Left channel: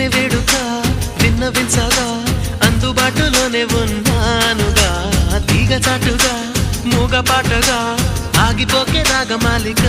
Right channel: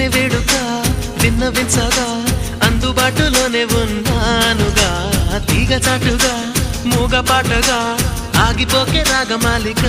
వినే వేడుక విన్నవించగా అందుబాటులోనే ఉన్నానుగా తీగ చాటుగా మూగ పాటగా ఆగిపోకే రాగమాలిక